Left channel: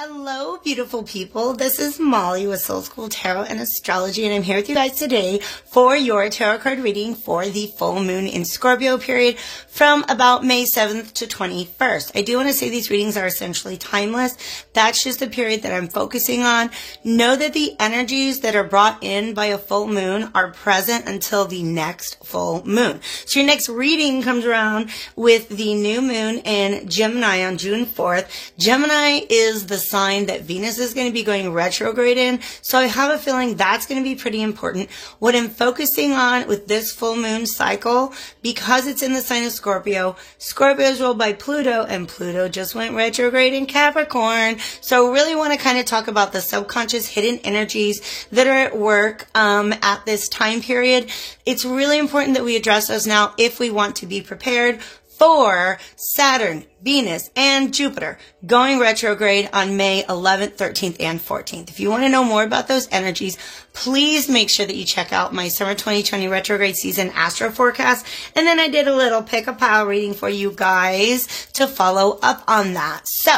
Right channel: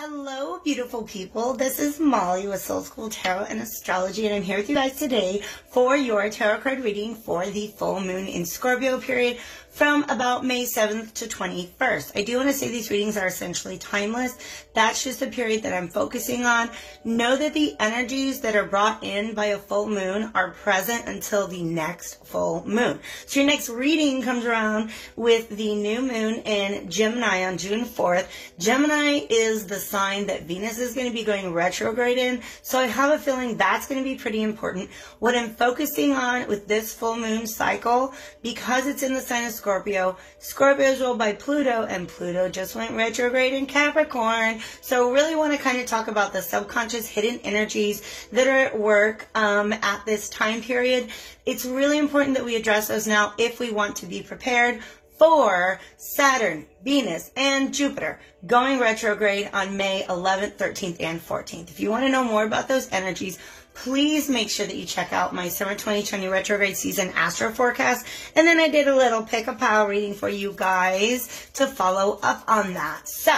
Hello, beautiful people. This is Molly with Soul School Tarot and Astrology, and I'm here with you guys today for your tarot card reading for the full moon in Scorpio period from about May 7th to 21st. I do want to say these readings are essentially timeless. That's just the period that I'm focusing on. Know that the energies that are brought in by a full moon are present until the next full moon. So your next reading comes around with the new moon in Gemini on June 4th. Gemini is the sign that Venus is going to be going retrograde in. So I have a feeling that's going to be pretty important. What I'm focusing on with this full moon cycle, because it's in the sign of Scorpio, Scorpio is ruled by Pluto, and Pluto just went retrograde in Capricorn. So really want to kind of talk about the subconscious hidden energies that are at work at this time period. It's really important that we address those now if we want to be prepared for Saturn, Venus, and Jupiter going retrograde on May 11th, 13th, and 14th. If you want to know more about those energies, please make sure that you check out my Summer 2020 retrograde season astro forecast. And then I did a little pick-a-pile reading for you guys to follow up on that. So,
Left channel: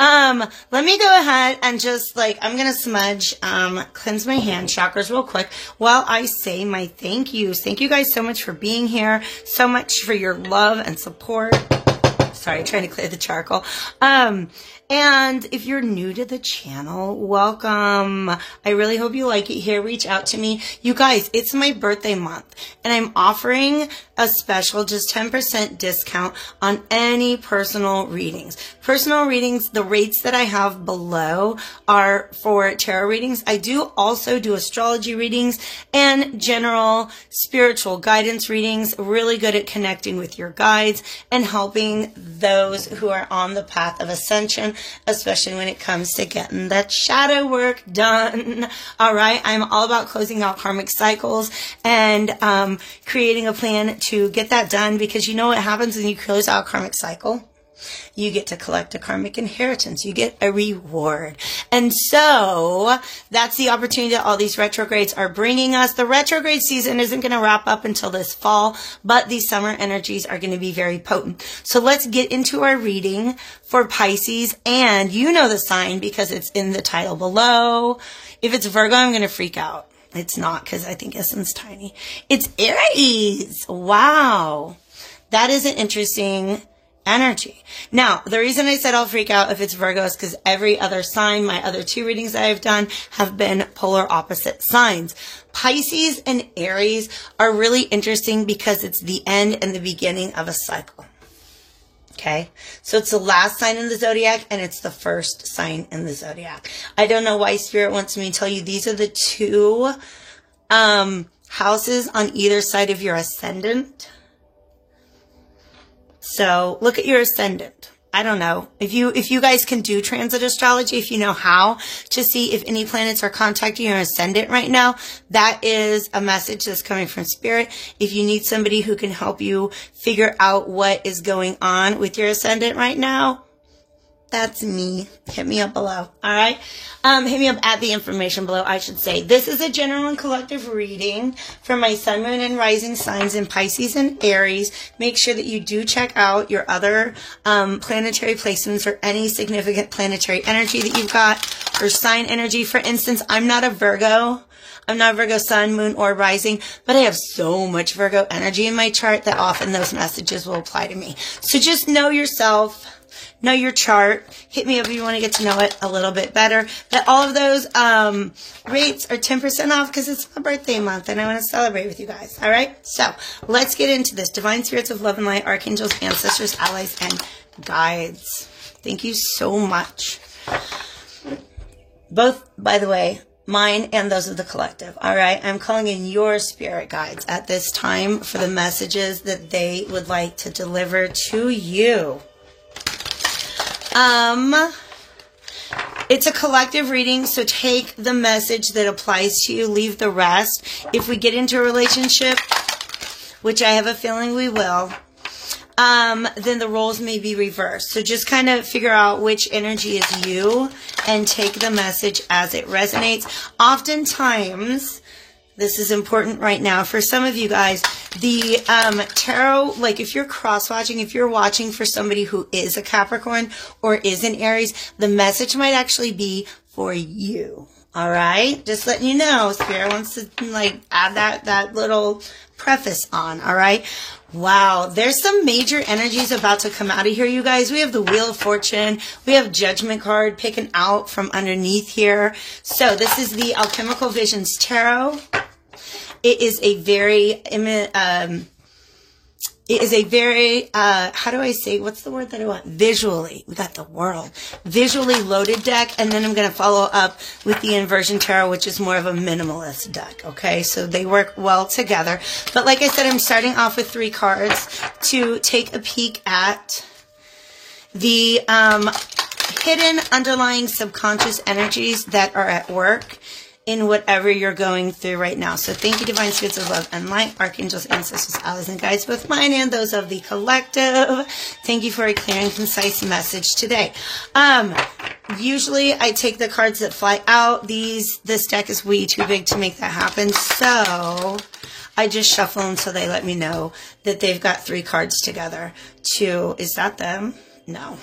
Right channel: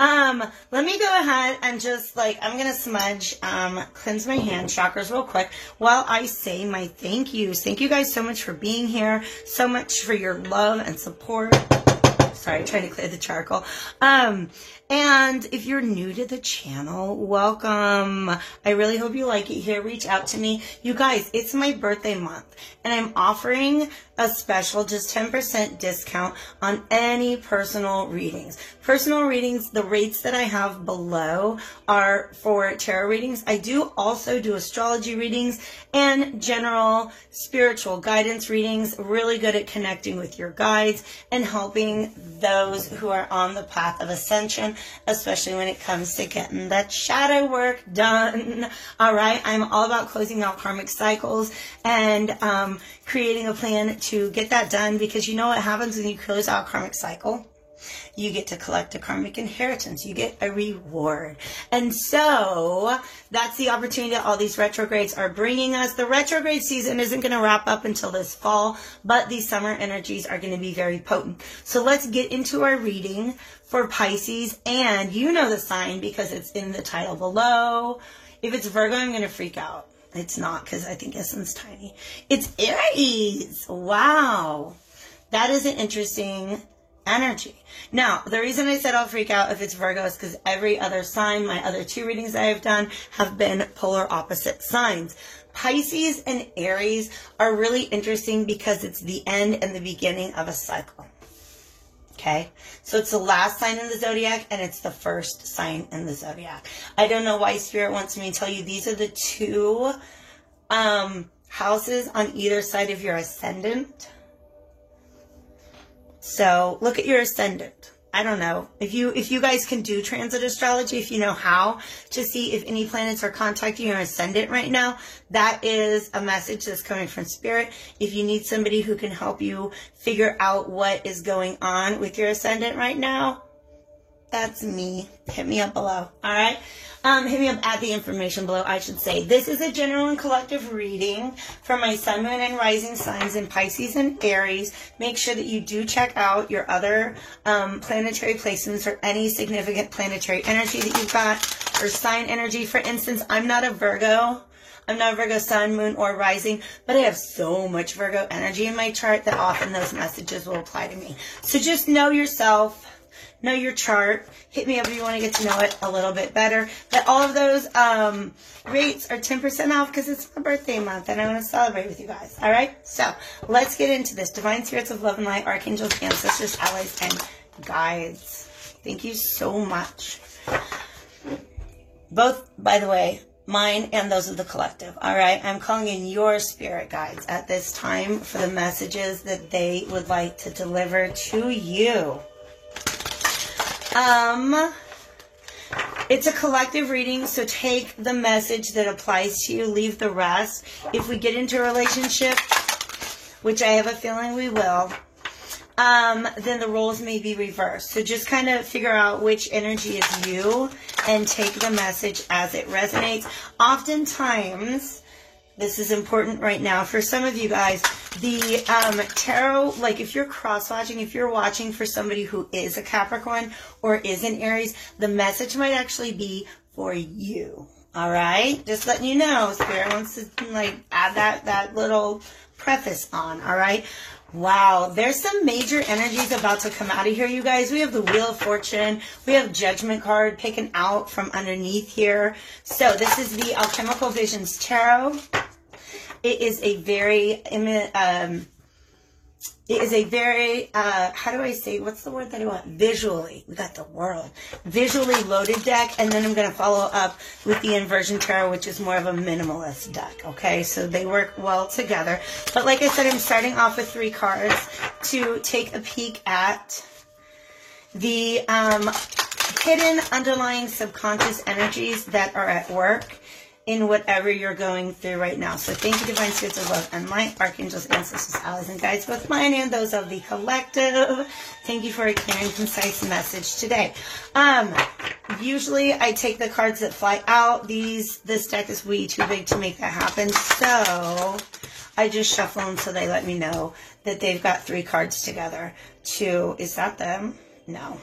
let me go ahead and just I'm going to smudge, cleanse my hand chakras real quick while I say my thank yous. Thank you guys so much for being here, so much for your love and support. Sorry, trying to clear the charcoal. And if you're new to the channel, welcome. I really hope you like it here. Reach out to me. You guys, it's my birthday month, and I'm offering a special, just 10% discount on any personal readings. Personal readings, the rates that I have below are for tarot readings. I do also do astrology readings and general spiritual guidance readings. Really good at connecting with your guides and helping those who are on the path of ascension, especially when it comes to getting that shadow work done. All right, I'm all about closing out karmic cycles and creating a plan to get that done, because you know what happens when you close out a karmic cycle? You get to collect a karmic inheritance. You get a reward. And so that's the opportunity that all these retrogrades are bringing us. The retrograde season isn't going to wrap up until this fall, but these summer energies are going to be very potent. So let's get into our reading for Pisces. And you know the sign because it's in the title below. If it's Virgo, I'm going to freak out. It's not, because I think Essence tiny. It's Aries. Wow. That is an interesting energy. Now, the reason I said I'll freak out if it's Virgo is because every other sign, my other two readings that I've done, have been polar opposite signs. Pisces and Aries are really interesting because it's the end and the beginning of a cycle. Okay, so it's the last sign in the zodiac and it's the first sign in the zodiac. I don't know why Spirit wants me to tell you these are the two houses on either side of your ascendant. So look at your ascendant. I don't know if you guys can do transit astrology, if you know how to see if any planets are contacting your ascendant right now. That is a message that's coming from Spirit. If you need somebody who can help you figure out what is going on with your ascendant right now, that's me. Hit me up below. All right. Hit me up at the information below, I should say. This is a general and collective reading for my sun, moon, and rising signs in Pisces and Aries. Make sure that you do check out your other planetary placements or any significant planetary energy that you've got, or sign energy. For instance, I'm not a Virgo. I'm not Virgo sun, moon, or rising, but I have so much Virgo energy in my chart that often those messages will apply to me. So just know yourself. Know your chart. Hit me up if you want to get to know it a little bit better. But all of those rates are 10% off because it's my birthday month and I want to celebrate with you guys. All right? So let's get into this. Divine spirits of love and light, archangels, ancestors, allies, and guides. Thank you so much. Both, by the way, mine and those of the collective. All right? I'm calling in your spirit guides at this time for the messages that they would like to deliver to you. It's a collective reading, so take the message that applies to you, leave the rest. If we get into a relationship, which I have a feeling we will, then the roles may be reversed. So just kind of figure out which energy is you and take the message as it resonates. Oftentimes, This is important right now. For some of you guys, the tarot, like if you're cross-watching, if you're watching for somebody who is a Capricorn or is an Aries, the message might actually be for you. All right? Just letting you know, Spirit wants to like add that little preface on. All right? Wow, there's some major energies about to come out of here, you guys. We have the Wheel of Fortune. We have Judgment card picking out from underneath here. So this is the Alchemical Visions Tarot. It is a very, how do I say, what's the word that I want? Visually, we got the World. Visually loaded deck, and then I'm going to follow up with the Inversion Tarot, which is more of a minimalist deck, okay? So they work well together. But like I said, I'm starting off with 3 cards to take a peek at the hidden underlying subconscious energies that are at work in whatever you're going through right now. So thank you, Divine Spirits of Love and Light, Archangels, Ancestors, Allies, and Guides, both mine and those of the collective. Thank you for a clear and concise message today. Usually I take the cards that fly out. This deck is way too big to make that happen. So I just shuffle them so they let me know that they've got 3 cards together to, is that them? No.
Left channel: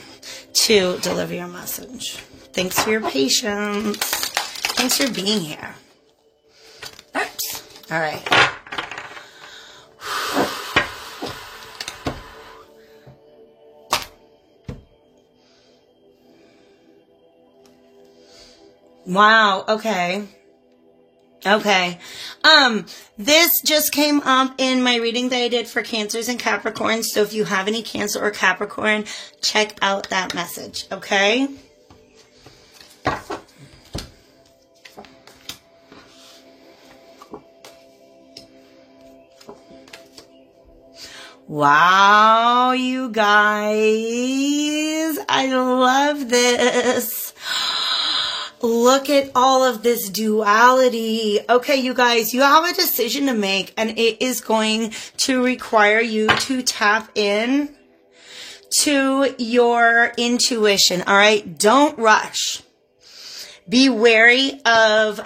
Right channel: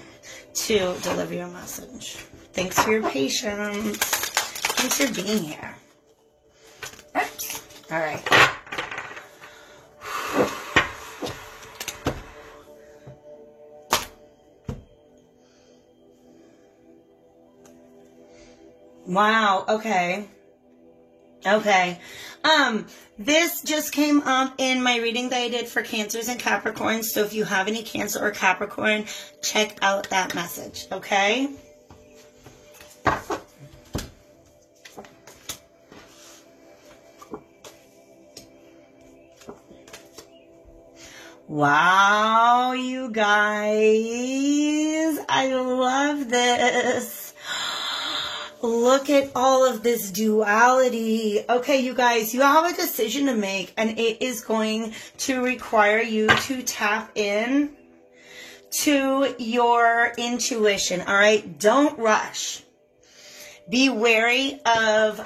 To deliver your message. Thanks for your patience. Thanks for being here. Oops. All right. Wow. Okay. Okay. This just came up in my reading that I did for Cancers and Capricorns. So if you have any Cancer or Capricorn, check out that message. Okay. Wow, you guys, I love this. Look at all of this duality. Okay, you guys, you have a decision to make, and it is going to require you to tap in to your intuition, all right? Don't rush. Be wary of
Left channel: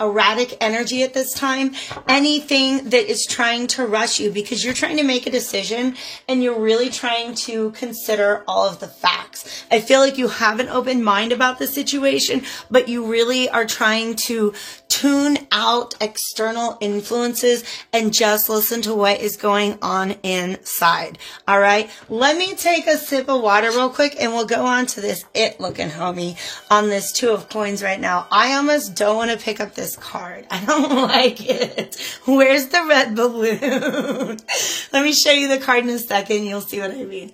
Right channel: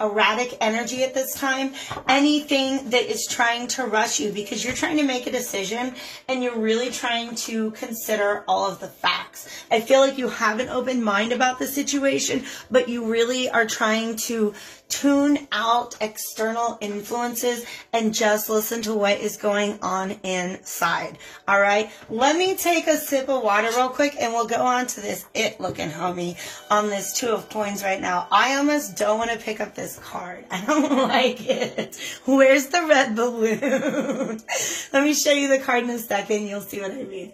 erratic energy at this time, anything that is trying to rush you, because you're trying to make a decision and you're really trying to consider all of the facts. I feel like you have an open mind about the situation, but you really are trying to tune out external influences and just listen to what is going on inside. All right, let me take a sip of water real quick and we'll go on to this it-looking homie on this 2 of coins right now. I almost don't want to pick up this card. I don't like it. Where's the red balloon? Let me show you the card in a second. You'll see what I mean.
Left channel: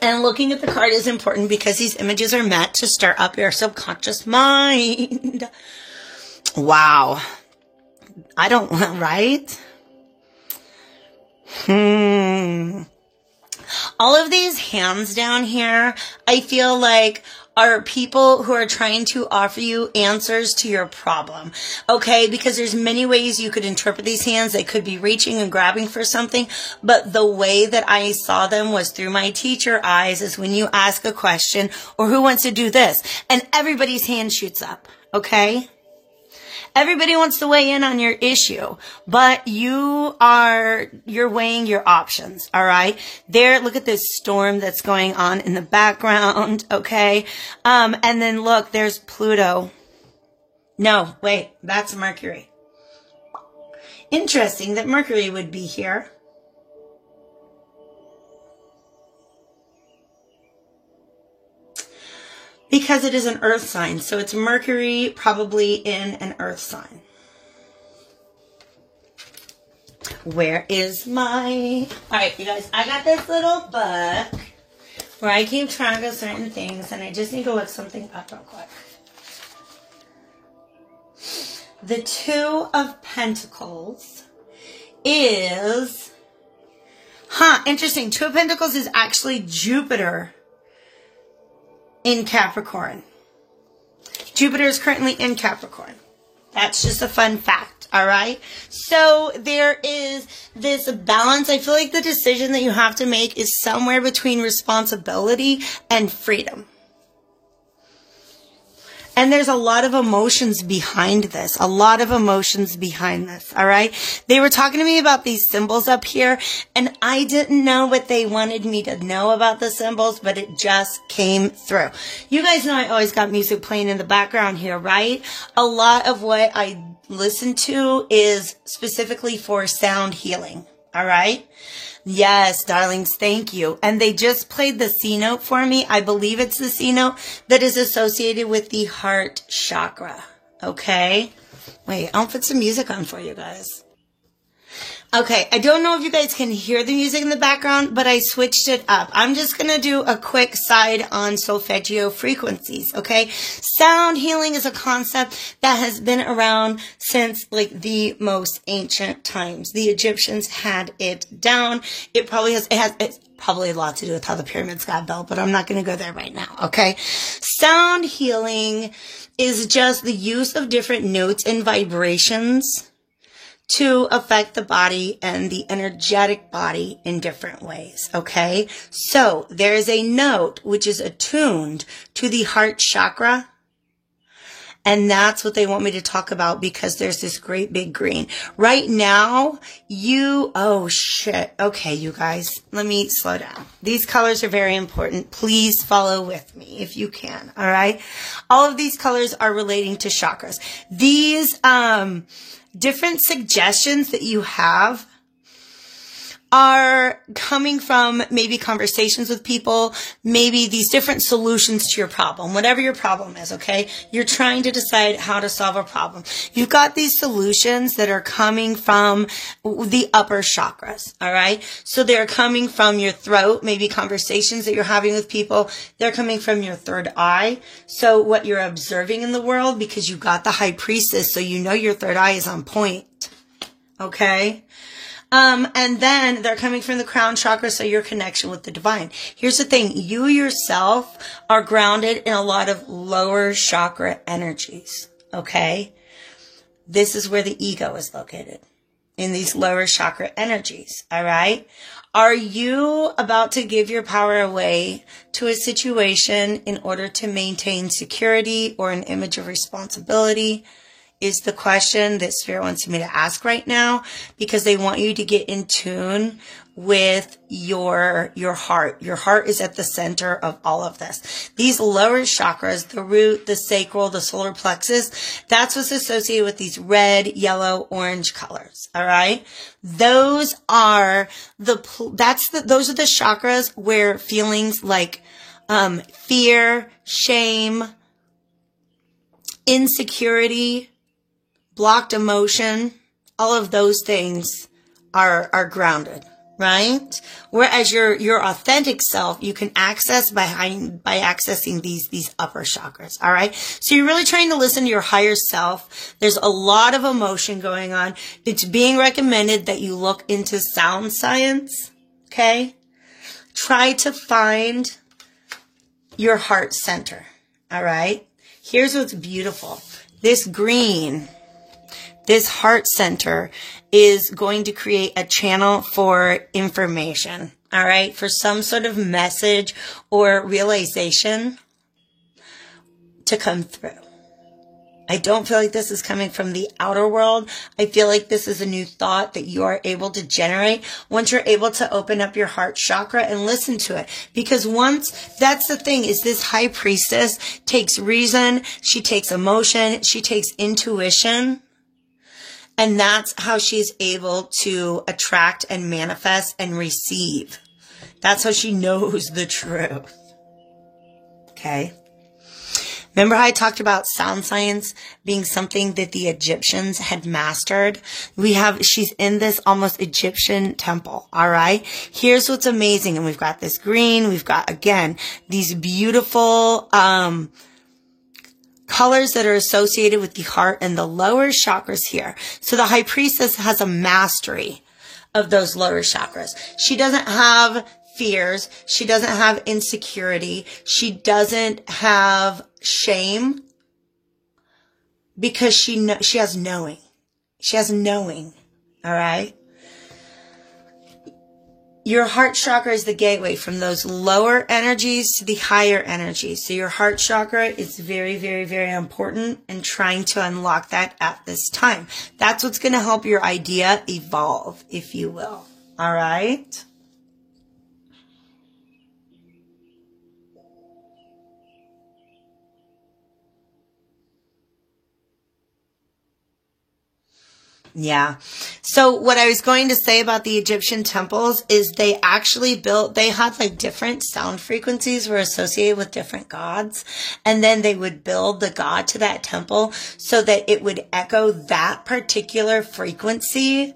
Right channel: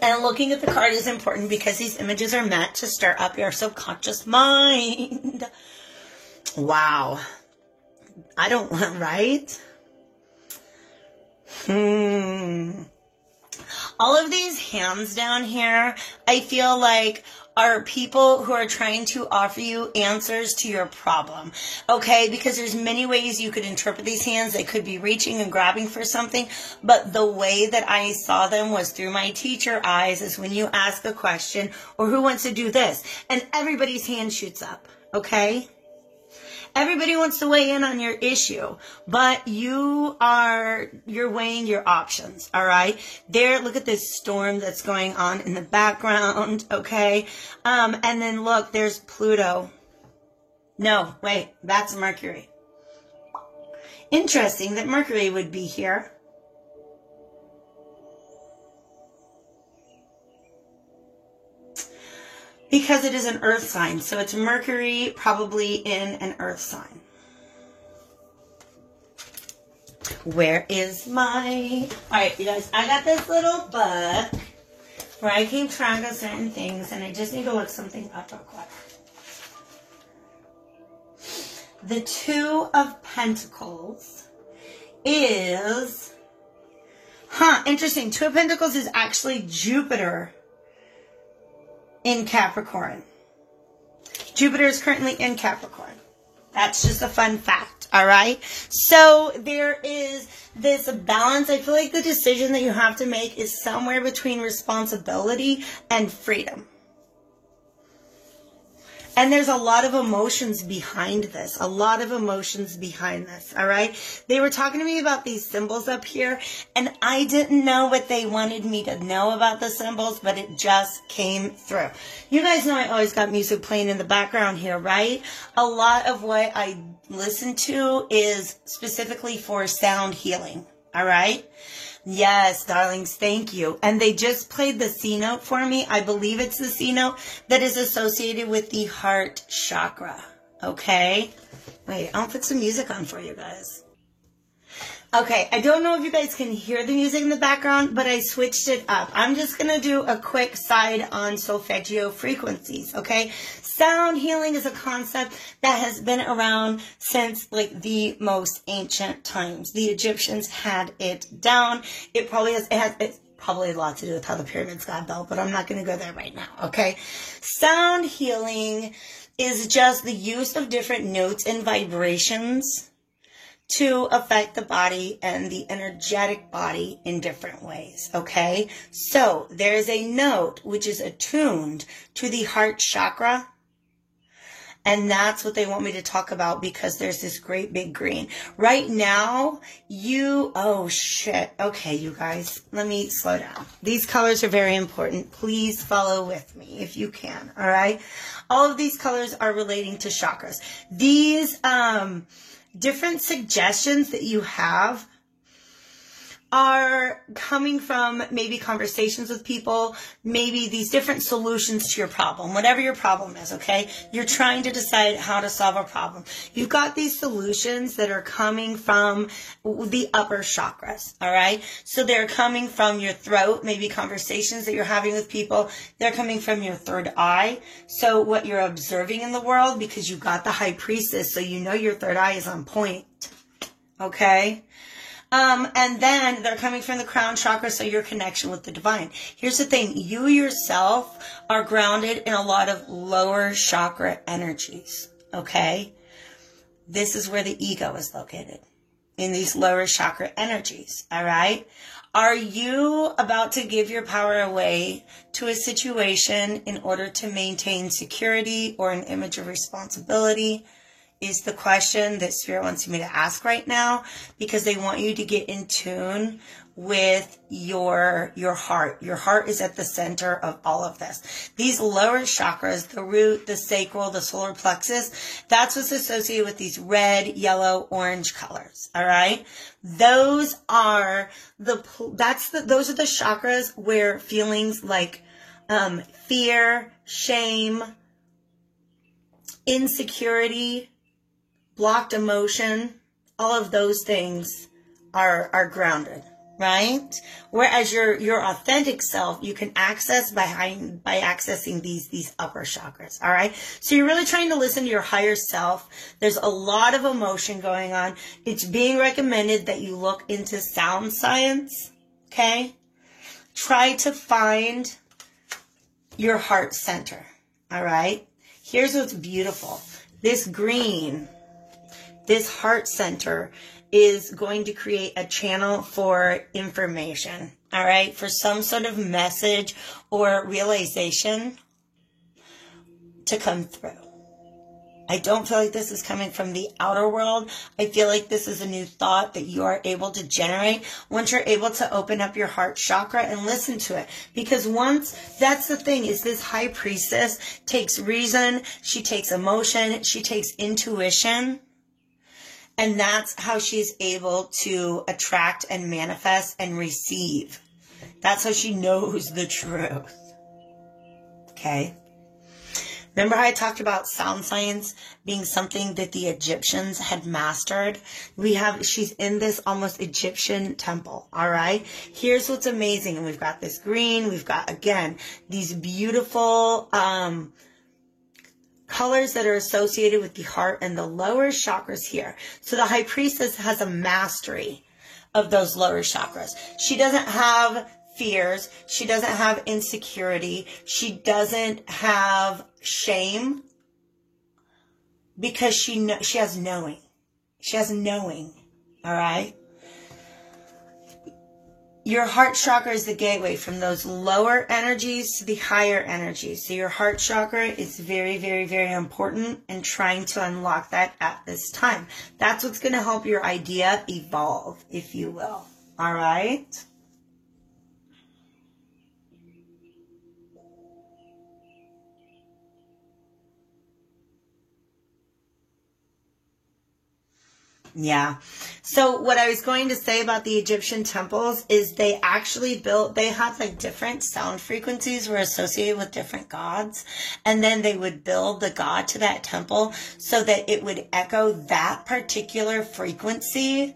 And looking at the card is important because these images are meant to stir up your subconscious mind. Wow. I don't want, right? All of these hands down here, I feel like are people who are trying to offer you answers to your problem, okay? Because there's many ways you could interpret these hands. They could be reaching and grabbing for something, but the way that I saw them was through my teacher eyes, is when you ask a question, or who wants to do this? And everybody's hand shoots up, okay? Everybody wants to weigh in on your issue, but you're weighing your options, all right? There, look at this storm that's going on in the background, okay? And then look, there's Pluto. No, wait, that's Mercury. Interesting that Mercury would be here. Because it is an earth sign. So it's Mercury probably in an earth sign. Where is my... Alright, you guys, I got this little book where I keep track of certain things, and I just need to look something up real quick. The 2 of Pentacles is... interesting. 2 of Pentacles is actually Jupiter in Capricorn. Jupiter is currently in Capricorn. That's just a fun fact, all right? So there is this balance. I feel like the decision that you have to make is somewhere between responsibility and freedom. And there's a lot of emotions behind this, a lot of emotions behind this, all right? They were talking to me about these symbols up here, and I didn't know what they wanted me to know about the symbols, but it just came through. You guys know I always got music playing in the background here, right? A lot of what I listen to is specifically for sound healing, all right? Yes, darlings, thank you. And they just played the C note for me. I believe it's the C note that is associated with the heart chakra. Okay? Wait, I'll put some music on for you guys. Okay, I don't know if you guys can hear the music in the background, but I switched it up. I'm just going to do a quick side on solfeggio frequencies, okay? Sound healing is a concept that has been around since like the most ancient times. The Egyptians had it down. It's probably a lot to do with how the pyramids got built, but I'm not going to go there right now, okay? Sound healing is just the use of different notes and vibrations to affect the body and the energetic body in different ways, okay? So there's a note which is attuned to the heart chakra, and that's what they want me to talk about because there's this great big green. Right now, oh shit. Okay, you guys, let me slow down. These colors are very important. Please follow with me if you can, all right? All of these colors are relating to chakras. These, different suggestions that you have are coming from maybe conversations with people, maybe these different solutions to your problem, whatever your problem is, okay? You're trying to decide how to solve a problem. You've got these solutions that are coming from the upper chakras, all right? So they're coming from your throat, maybe conversations that you're having with people. They're coming from your third eye. So what you're observing in the world, because you got the high priestess, so you know your third eye is on point, okay? And then they're coming from the crown chakra, so your connection with the divine. Here's the thing. You yourself are grounded in a lot of lower chakra energies, okay? This is where the ego is located, in these lower chakra energies, all right? Are you about to give your power away to a situation in order to maintain security or an image of responsibility? Is the question that Spirit wants me to ask right now, because they want you to get in tune with your heart. Your heart is at the center of all of this. These lower chakras, the root, the sacral, the solar plexus, that's what's associated with these red, yellow, orange colors. All right. Those are those are the chakras where feelings like, fear, shame, insecurity, blocked emotion, all of those things are grounded, right? Whereas your authentic self, you can access by accessing these upper chakras, all right? So you're really trying to listen to your higher self. There's a lot of emotion going on. It's being recommended that you look into sound science, okay? Try to find your heart center, all right? Here's what's beautiful. This green, this heart center is going to create a channel for information, all right, for some sort of message or realization to come through. I don't feel like this is coming from the outer world. I feel like this is a new thought that you are able to generate once you're able to open up your heart chakra and listen to it. Because that's the thing, is this high priestess takes reason, she takes emotion, she takes intuition. And that's how she's able to attract and manifest and receive. That's how she knows the truth. Okay. Remember how I talked about sound science being something that the Egyptians had mastered? She's in this almost Egyptian temple, all right? Here's what's amazing. And we've got this green. We've got, again, these beautiful colors that are associated with the heart and the lower chakras here. So the high priestess has a mastery of those lower chakras. She doesn't have fears. She doesn't have insecurity. She doesn't have shame, because she has knowing. She has knowing. All right. your heart chakra is the gateway from those lower energies to the higher energies. So your heart chakra is very, very, very important in trying to unlock that at this time. That's what's going to help your idea evolve, if you will. All right? Yeah. So what I was going to say about the Egyptian temples is they actually they had like different sound frequencies were associated with different gods. And then they would build the god to that temple so that it would echo that particular frequency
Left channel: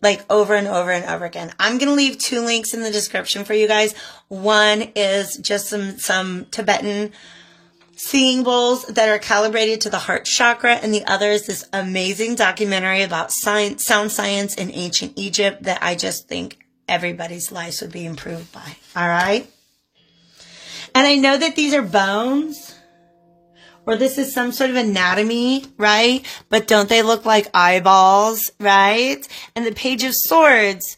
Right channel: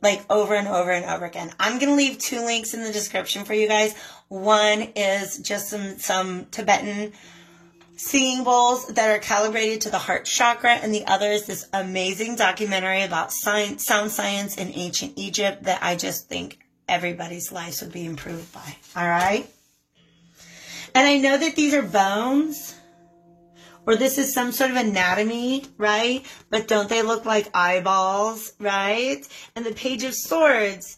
like over and over and over again. I'm going to leave 2 links in the description for you guys. One is just some Tibetan singing bowls that are calibrated to the heart chakra, and the other is this amazing documentary about sound science in ancient Egypt that I just think everybody's lives would be improved by. All right? And I know that these are bones, or this is some sort of anatomy, right? But don't they look like eyeballs, right? And the Page of Swords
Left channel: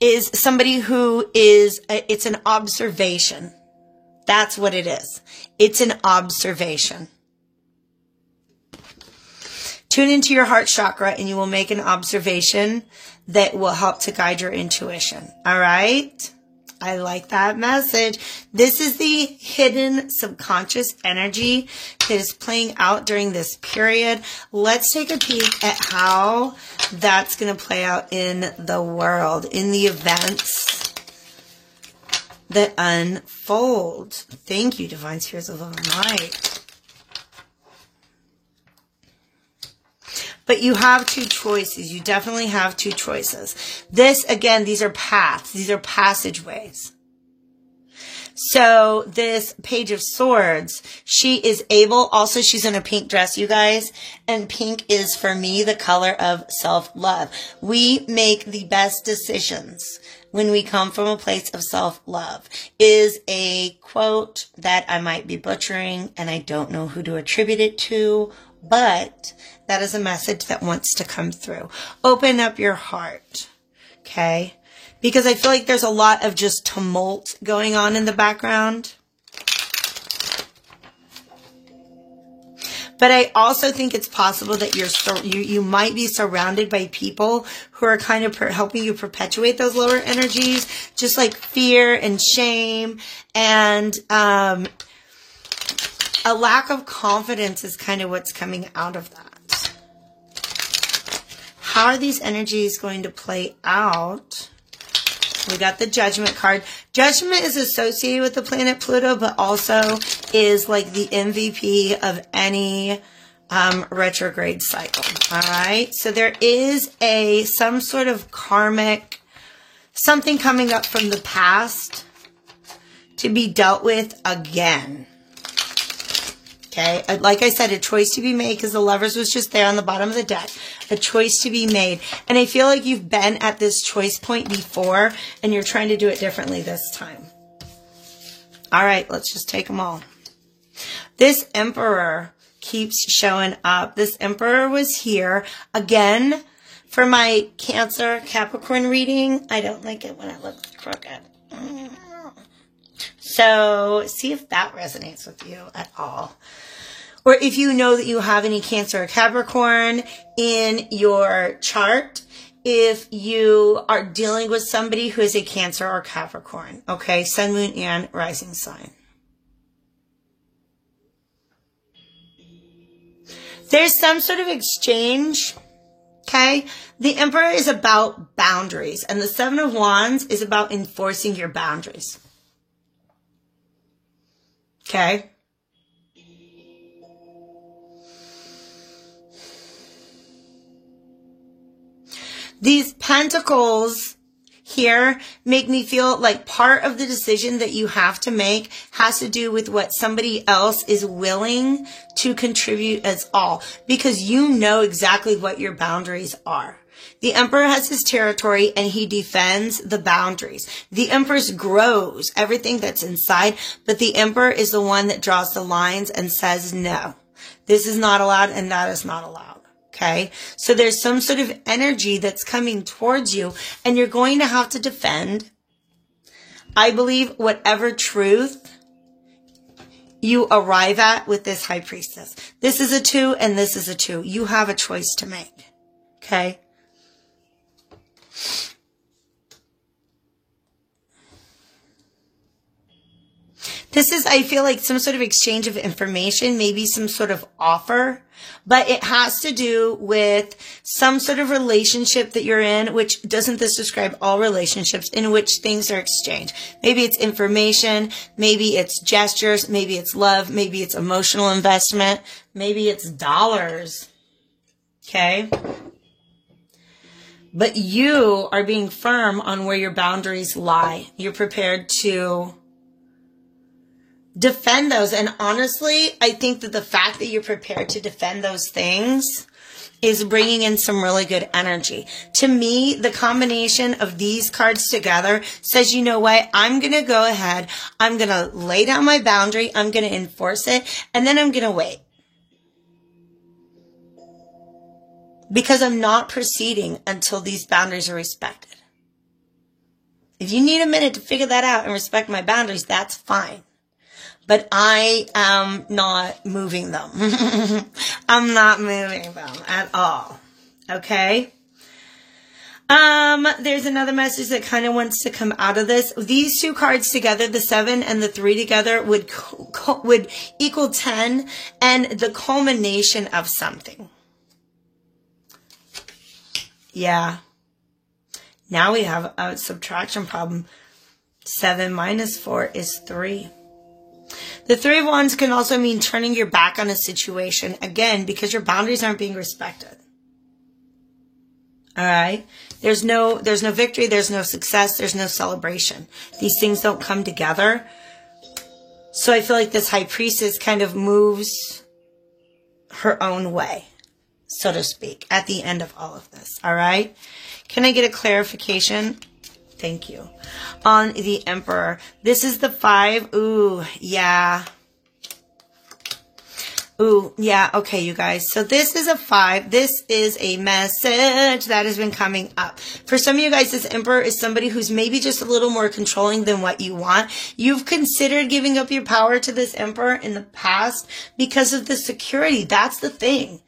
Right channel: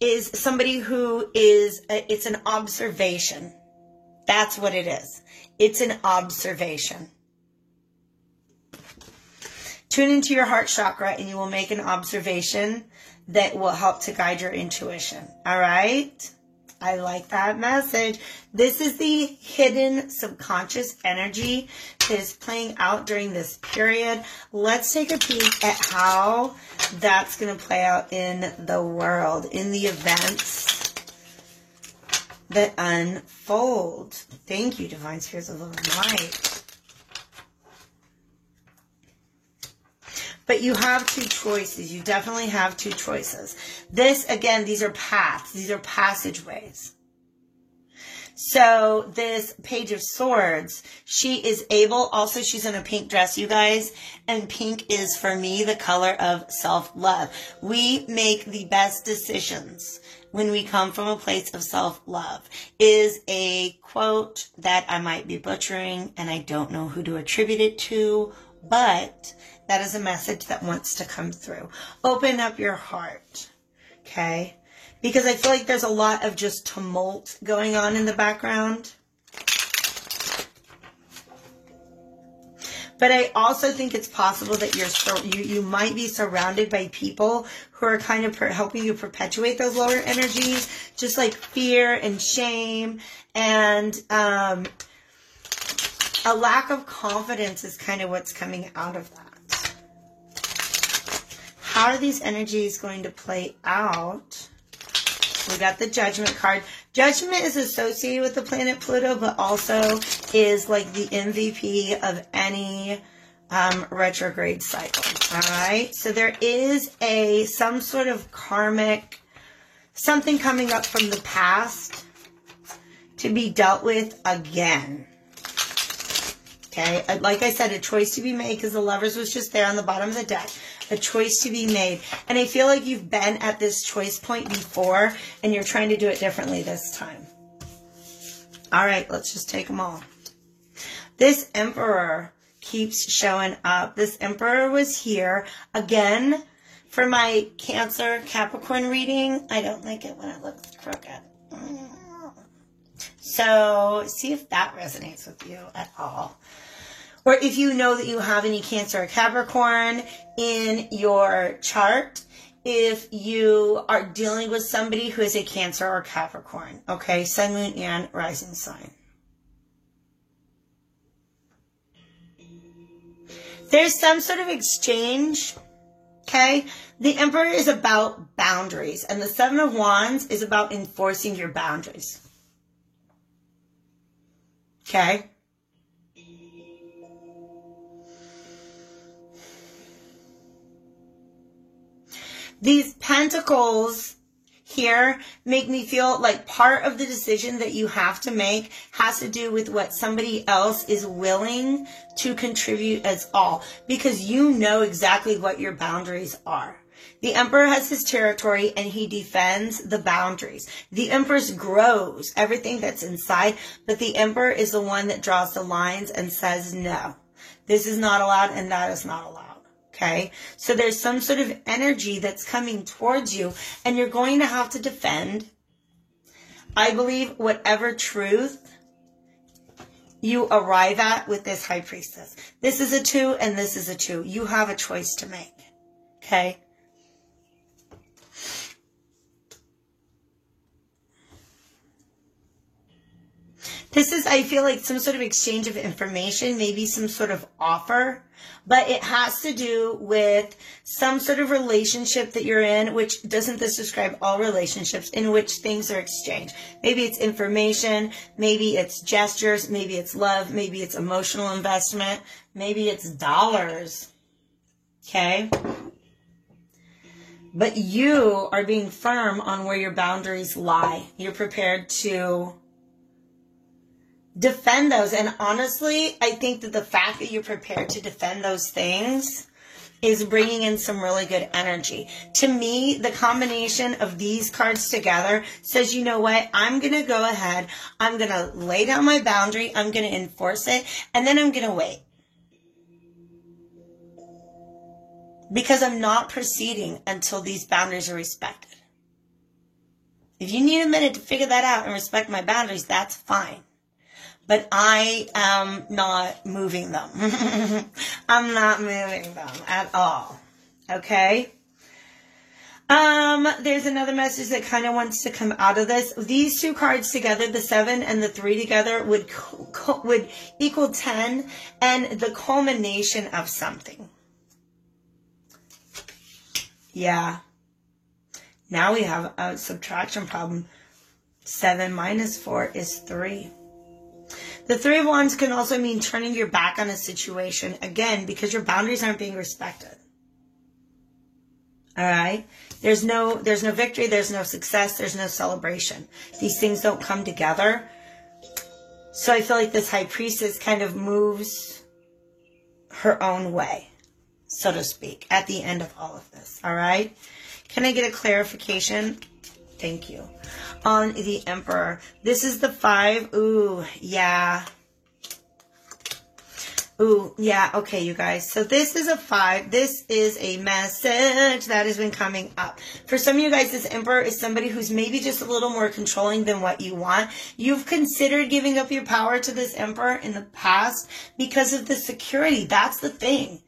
is somebody who is, it's an observation. That's what it is. It's an observation. Tune into your heart chakra and you will make an observation that will help to guide your intuition. All right? I like that message. This is the hidden subconscious energy that is playing out during this period. Let's take a peek at how that's going to play out in the world, in the events that unfold. Thank you, Divine Spirits of Love and Light. But you have 2 choices. You definitely have 2 choices. This, again, these are paths. These are passageways. So this Page of Swords, she is able, also she's in a pink dress, you guys, and pink is, for me, the color of self-love. We make the best decisions when we come from a place of self-love, is a quote that I might be butchering, and I don't know who to attribute it to, but that is a message that wants to come through. Open up your heart, okay? Because I feel like there's a lot of just tumult going on in the background. But I also think it's possible that you might be surrounded by people who are kind of helping you perpetuate those lower energies, just like fear and shame, and a lack of confidence is kind of what's coming out of that. How are these energies going to play out? We got the Judgment card. Judgment is associated with the planet Pluto, but also is like the MVP of any retrograde cycle. All right. So there is some sort of karmic, something coming up from the past to be dealt with again. Okay. Like I said, a choice to be made, because the Lovers was just there on the bottom of the deck. A choice to be made. And I feel like you've been at this choice point before and you're trying to do it differently this time. All right, let's just take them all. This Emperor keeps showing up. This Emperor was here again for my Cancer Capricorn reading. I don't like it when it looks crooked. So see if that resonates with you at all. Or if you know that you have any Cancer or Capricorn in your chart, if you are dealing with somebody who is a Cancer or Capricorn, okay? Sun, Moon, and Rising sign. There's some sort of exchange, okay? The Emperor is about boundaries, and the Seven of Wands is about enforcing your boundaries, okay? These pentacles here make me feel like part of the decision that you have to make has to do with what somebody else is willing to contribute as all, because you know exactly what your boundaries are. The Emperor has his territory and he defends the boundaries. The Empress grows everything that's inside, but the Emperor is the one that draws the lines and says, no, this is not allowed and that is not allowed. Okay, so there's some sort of energy that's coming towards you, and you're going to have to defend, I believe, whatever truth you arrive at with this High Priestess. This is a 2 and this is a 2. You have a choice to make. Okay? This is, I feel like, some sort of exchange of information, maybe some sort of offer, but it has to do with some sort of relationship that you're in, which doesn't this describe all relationships in which things are exchanged? Maybe it's information, maybe it's gestures, maybe it's love, maybe it's emotional investment, maybe it's dollars. Okay? But you are being firm on where your boundaries lie. You're prepared to defend those. And honestly, I think that the fact that you're prepared to defend those things is bringing in some really good energy. To me, the combination of these cards together says, you know what? I'm going to go ahead. I'm going to lay down my boundary. I'm going to enforce it. And then I'm going to wait. Because I'm not proceeding until these boundaries are respected. If you need a minute to figure that out and respect my boundaries, that's fine. But I am not moving them. I'm not moving them at all. Okay? There's another message that kind of wants to come out of this. These two cards together, the 7 and the 3 together, would equal 10 and the culmination of something. Yeah. Now we have a subtraction problem. 7 minus 4 is 3. The 3 of Wands can also mean turning your back on a situation, again, because your boundaries aren't being respected. All right? There's no victory, there's no success, there's no celebration. These things don't come together. So I feel like this High Priestess kind of moves her own way, so to speak, at the end of all of this. All right? Can I get a clarification? Thank you. On the Emperor. This is the 5. Ooh, yeah. Ooh, yeah. Okay, you guys. So this is a 5. This is a message that has been coming up. For some of you guys, this Emperor is somebody who's maybe just a little more controlling than what you want. You've considered giving up your power to this Emperor in the past because of the security. That's the thing.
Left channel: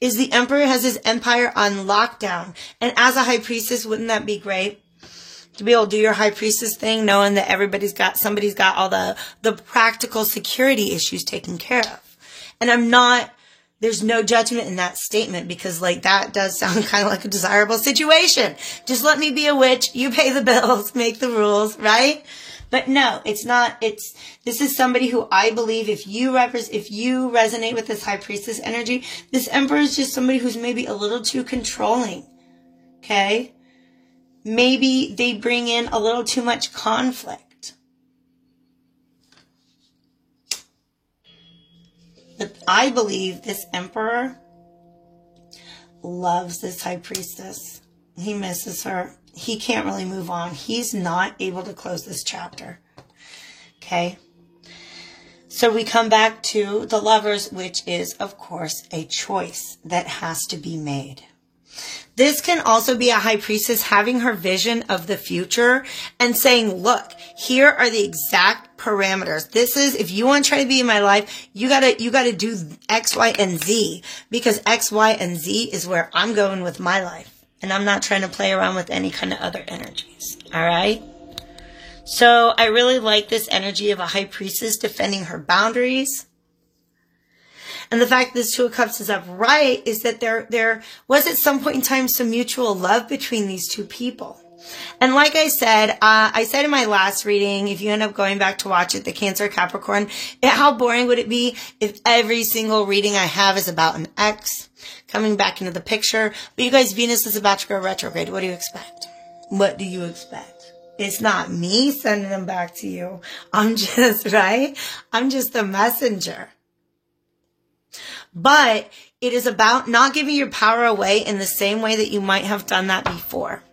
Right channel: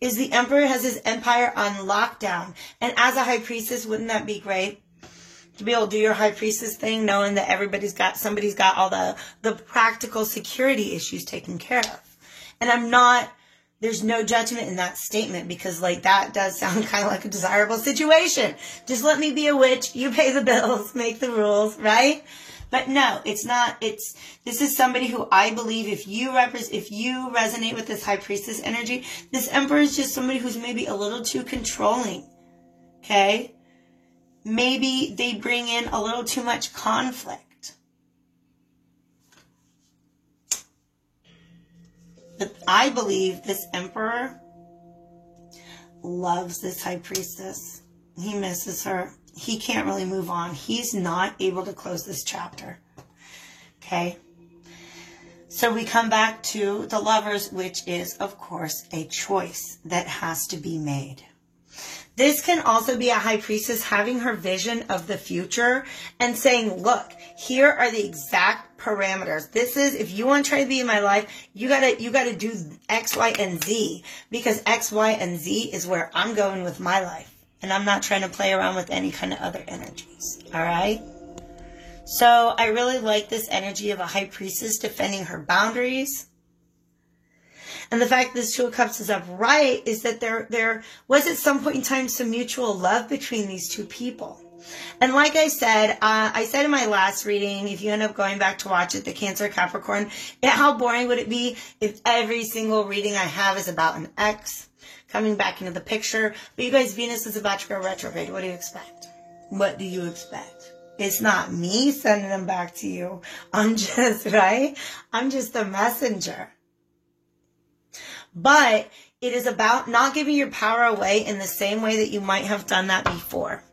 Is the Emperor has his empire on lockdown. And as a High Priestess, wouldn't that be great? To be able to do your High Priestess thing, knowing that somebody's got all the practical security issues taken care of. And there's no judgment in that statement, because like that does sound kind of like a desirable situation. Just let me be a witch, you pay the bills, make the rules, right? But no, it's not. This is somebody who I believe if you resonate with this High Priestess energy, this Emperor is just somebody who's maybe a little too controlling. Okay? Maybe they bring in a little too much conflict. But I believe this Emperor loves this High Priestess. He misses her. He can't really move on. He's not able to close this chapter. Okay? So we come back to the Lovers, which is, of course, a choice that has to be made. This can also be a High Priestess having her vision of the future and saying, look, here are the exact parameters. This is, if you want to try to be in my life, you gotta do X, Y, and Z, because X, Y, and Z is where I'm going with my life. And I'm not trying to play around with any kind of other energies. All right? So I really like this energy of a High Priestess defending her boundaries. And the fact this 2 of Cups is upright is that there was at some point in time some mutual love between these two people. And like I said in my last reading, if you end up going back to watch it, the Cancer Capricorn, how boring would it be if every single reading I have is about an ex coming back into the picture? But you guys, Venus is about to go retrograde. What do you expect? What do you expect? It's not me sending them back to you. I'm just the messenger. But it is about not giving your power away in the same way that you might have done that before.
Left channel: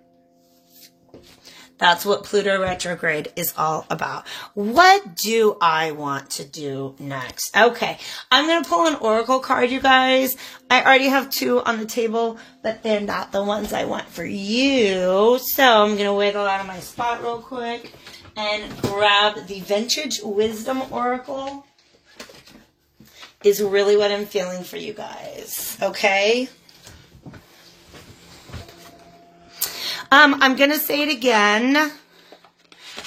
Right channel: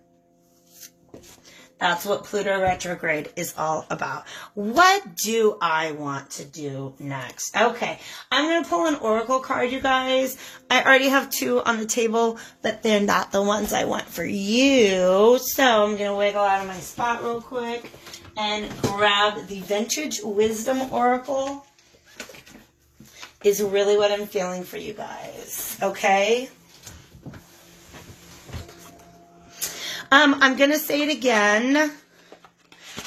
That's what Pluto retrograde is all about. What do I want to do next? Okay, I'm going to pull an oracle card, you guys. I already have 2 on the table, but they're not the ones I want for you. So I'm going to wiggle out of my spot real quick and grab the Vintage Wisdom Oracle. Is really what I'm feeling for you guys, okay? I'm going to say it again.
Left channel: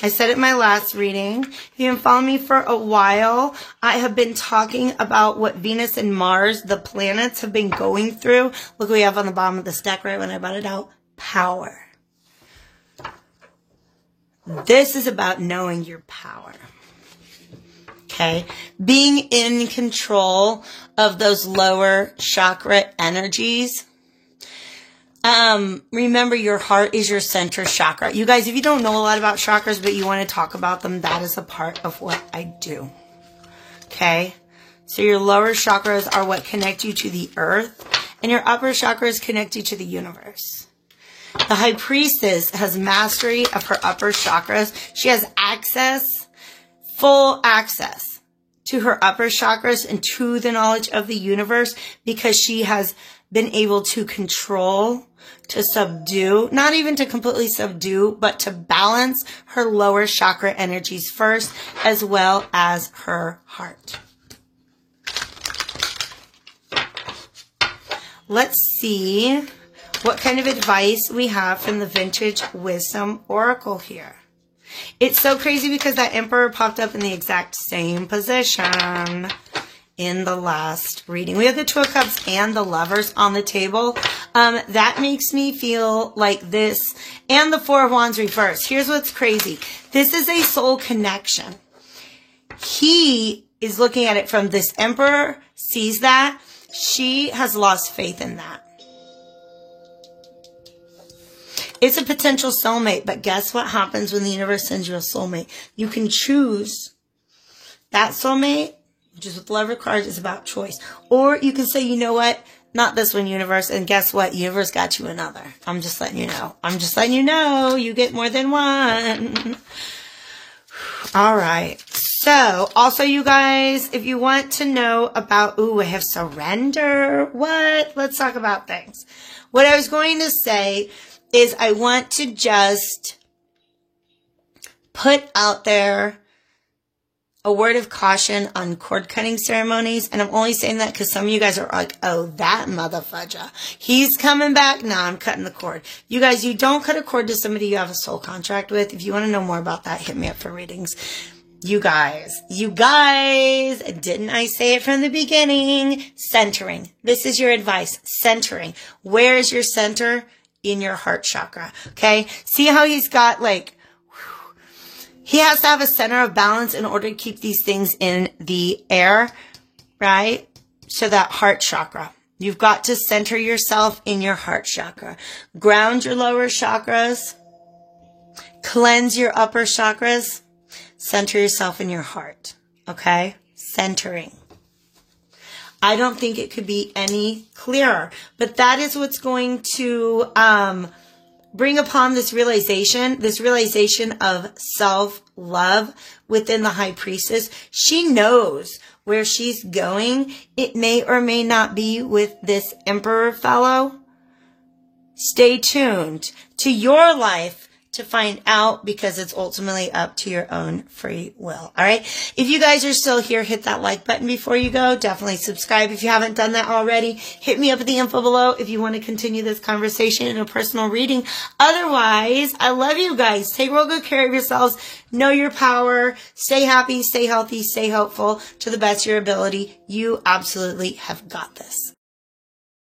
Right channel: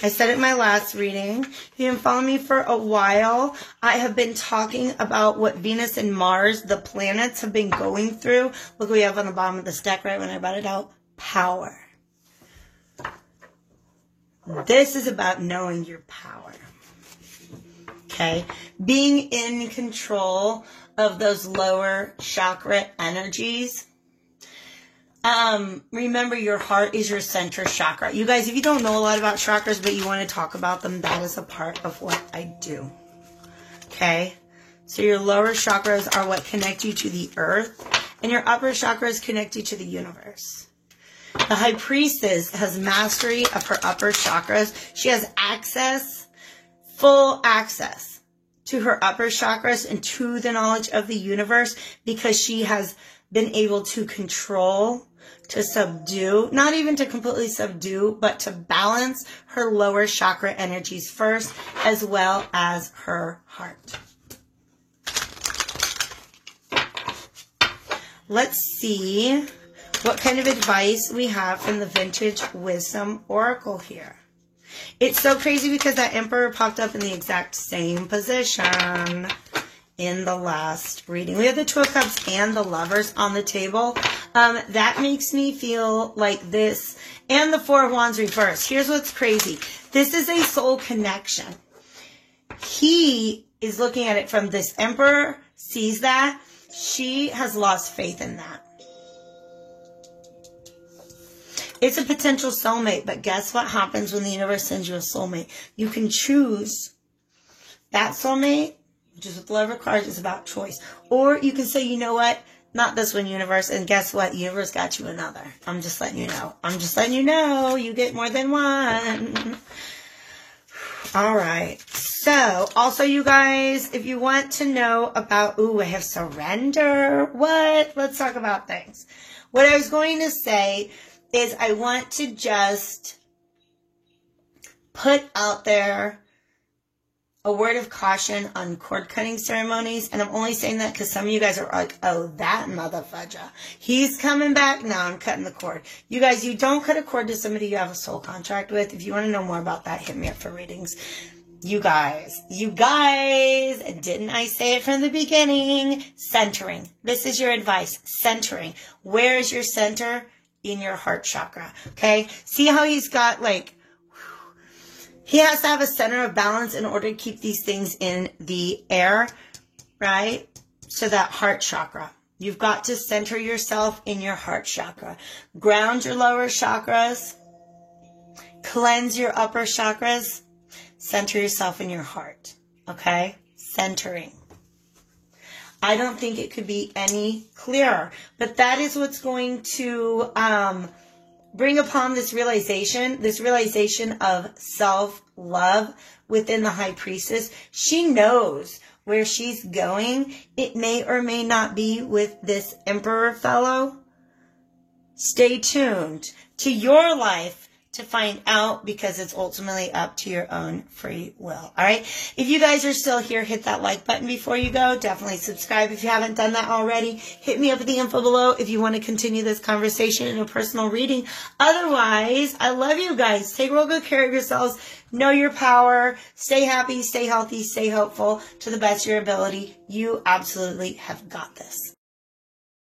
I said it in my last reading. If you've been following me for a while, I have been talking about what Venus and Mars, the planets, have been going through. Look what we have on the bottom of this deck right when I brought it out. Power. This is about knowing your power. Okay? Being in control of those lower chakra energies. Remember, your heart is your center chakra. You guys, if you don't know a lot about chakras, but you want to talk about them, that is a part of what I do. Okay? So your lower chakras are what connect you to the earth, and your upper chakras connect you to the universe. The High Priestess has mastery of her upper chakras. She has access, full access to her upper chakras and to the knowledge of the universe because she has been able to control, to subdue, not even to completely subdue, but to balance her lower chakra energies first, as well as her heart. Let's see what kind of advice we have from the Vintage Wisdom Oracle here. It's so crazy because that Emperor popped up in the exact same position in the last reading. We have the Two of Cups and the Lovers on the table. That makes me feel like this, and the Four of Wands reversed. Here's what's crazy. This is a soul connection. He is looking at it from this Emperor, sees that. She has lost faith in that. It's a potential soulmate, but guess what happens when the universe sends you a soulmate? You can choose that soulmate, which is what the Lover card is about, choice. Or you can say, you know what? Not this one, universe. And guess what? Universe got you another. I'm just letting you know. I'm just letting you know. You get more than one. All right. So, also, you guys, if you want to know about, ooh, I have surrender. What? Let's talk about things. What I was going to say is I want to just put out there a word of caution on cord cutting ceremonies. And I'm only saying that because some of you guys are like, oh, that motherfudger. He's coming back. No, I'm cutting the cord. You guys, you don't cut a cord to somebody you have a soul contract with. If you want to know more about that, hit me up for readings. You guys, didn't I say it from the beginning? Centering. This is your advice. Centering. Where is your center? In your heart chakra. Okay. See how he's got like, he has to have a center of balance in order to keep these things in the air, right? So that heart chakra. You've got to center yourself in your heart chakra. Ground your lower chakras. Cleanse your upper chakras. Center yourself in your heart. Okay? Centering. I don't think it could be any clearer. But that is what's going to bring upon this realization of self-love within the High Priestess. She knows where she's going. It may or may not be with this Emperor fellow. Stay tuned to your life to find out, because it's ultimately up to your own free will. All right. If you guys are still here, hit that like button before you go. Definitely subscribe if you haven't done that already. Hit me up at the info below if you want to continue this conversation in a personal reading. Otherwise, I love you guys. Take real good care of yourselves. Know your power. Stay happy, stay healthy, stay hopeful to the best of your ability. You absolutely have got this.